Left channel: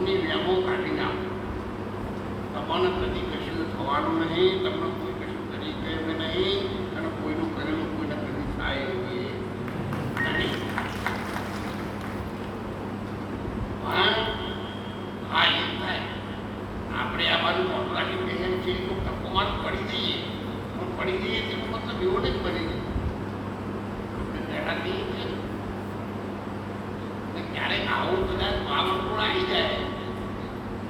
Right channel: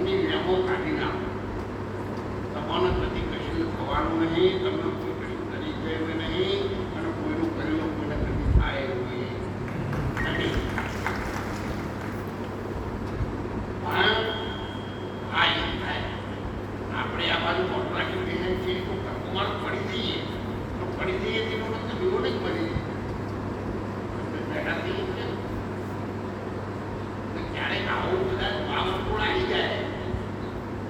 ડખો કાઢી નાખો તમને કદી કશું થવાનું નહીં, તમને કોઈ કશું કરી કે નહીં, અને કોઈનું કરેલું કોઈને કદી થાય નહીં. હા થાય. આપણે આ બાજુ મોટું રાખી કહીએ છીએ પડી જઈએ. પણ પડી જઈએ મતલબ એવો નહીં બની. જાય આપણે આવું કદાચ વાવરકુળ આવી જાય.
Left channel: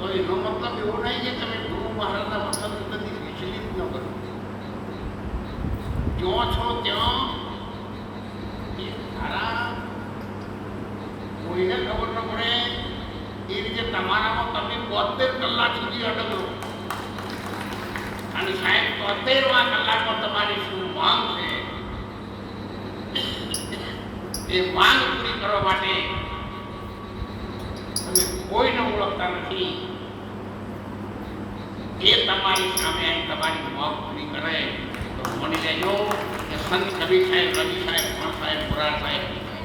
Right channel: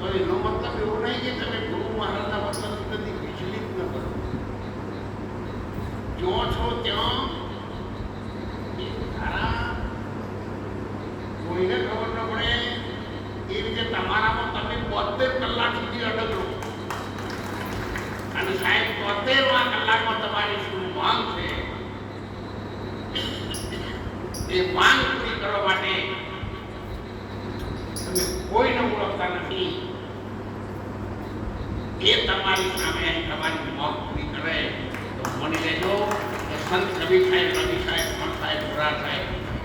તો એનો મતલબ એવો નહીં કે તમે ગુરુ મહારાજના મતલબ નથી વિચલિત ન કરો. જો છો ત્યાં કોઈને ખબર ન પડે, એ રીતે તમારામાં તમે બોતેર કલાક સુધી અડગરો અને સાહેબ તોતેરવા કલાકમાં તમારી શું માંગ છે? એ માંગ પૂરી કરવા માટે તમે કોઈને ઓળખતા નથી. એ તમારી સામે તમારી પૂરી કરે. તો મની લેજો કે સંત કબીર સાહેબ રવિ સાહેબ પણ સાહેબ, પુરાણ સાહેબ,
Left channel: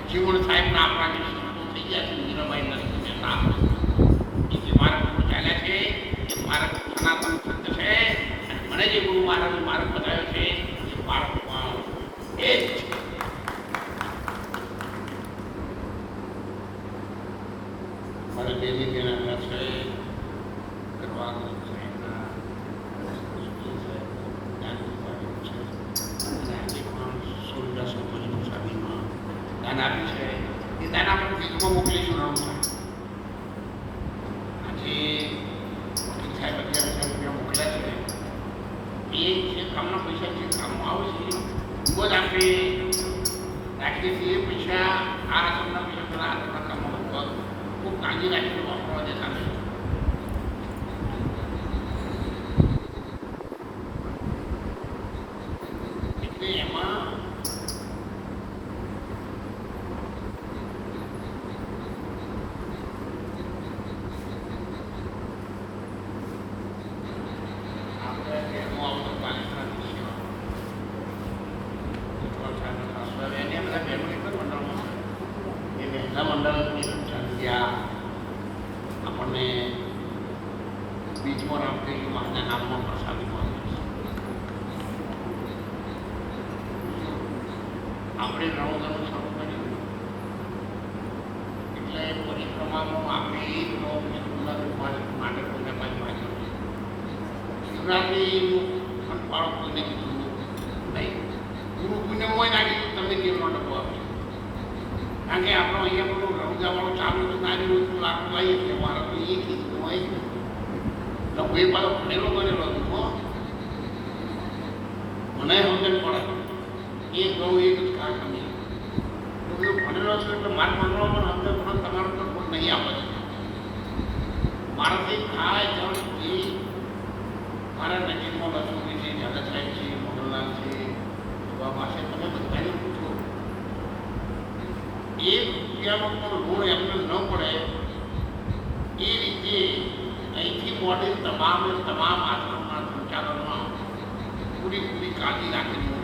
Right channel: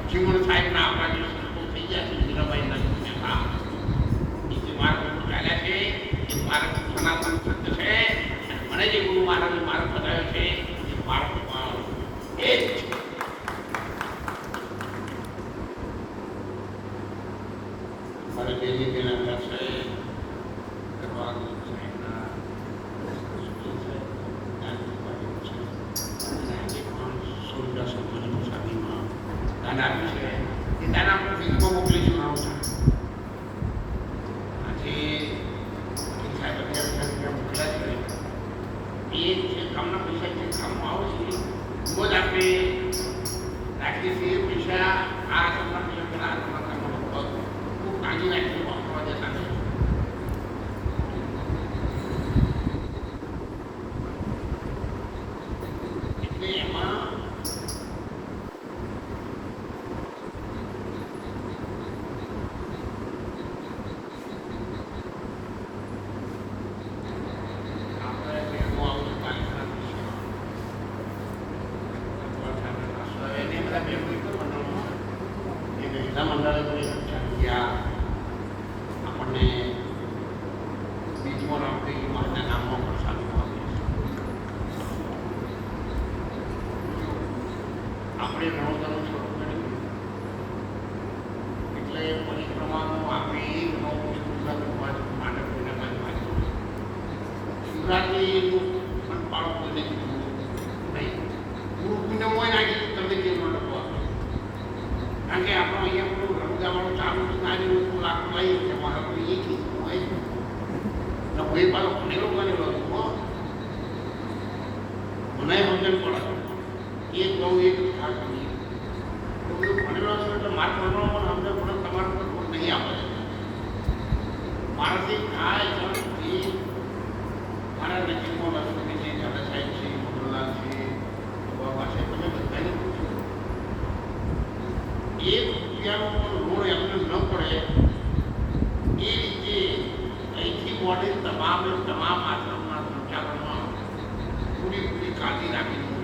જીવન સાહેબના આપણા જે સંતો થઈ ગયા છે મીરાબાઈ જતા એ જે માર્ગ ઉપર ચાલ્યા છે, એ માર્ગ સનાતન સત્ય છે. અને મને જે ગુરુ મહારાજે માર્ગ બતાવ્યો છે, એ માર્ગ એ જ છે મારે બેની બેન આવ્યા છે કરવાનું સાહેબના જ્ઞાનની બાજુ છે અને આજે રામસા આજે વકીલ સાહેબ અગિયાર મોકલ્યા છે. એ કામના પૈસા જે કામમાં આવે છે એવો જ આપણે રાખીએ પૈસા આ કામના પૈસા પેલા આ કામના કામમાં કાળજી રાખીને વાપરવા દેતા નહીં એટલે એમાં આપણે બહેનો બીજું પાલિકાના થઈ ગયું બધા બહેનો એક જ મંડળમાં છે. એ મહિલા મંડળ ગયા આપણને બીજમાં રામદેવજી મહારાજના નામમાં પ્રસાદી આપણે રણોદરનું શરૂ કર્યું એટલે પરિક્રમાનો આપણે એક નવું જુનાગઢ માટે કોઈને કોઈ માગ્યું શિવરાત્રિનું પણ બાળકોને કીધું નહીં. ગુરુ પુણ્ય હોય ના તમે ડબ્બો આપ્યો કારણ કે આપણો અહીંયા બધું રમજાવાળો ચાલુ નાની રોજનું લાકડું લઈએ કે મારે તો એ કીધું હોય. ને હું એ પાછો ભણેલો ગણેલો છું હો. મને સમજણ પડે. એક ગણું એક જ કામ સમજી તો બધું ભણેલો છે એટલે મારા ભણવા પણ સમજણ પણ તમારો તો કોઈ નહીં આપે. છે મારાથી થાય જણ મારા નજીકમાં લક્ષ્મી છે ઝાલા સાહેબ છે મોગલલાલ છે બાબા પાસે તમે બધાને પૂછો એક રૂપિયાનો પણ લોડ એમને ન પડે, એ રીતે અહીંથી મોડે તમામ તમામ આશ્રમના સંચાલનમાં પૂરી કાળજી રાખીને હું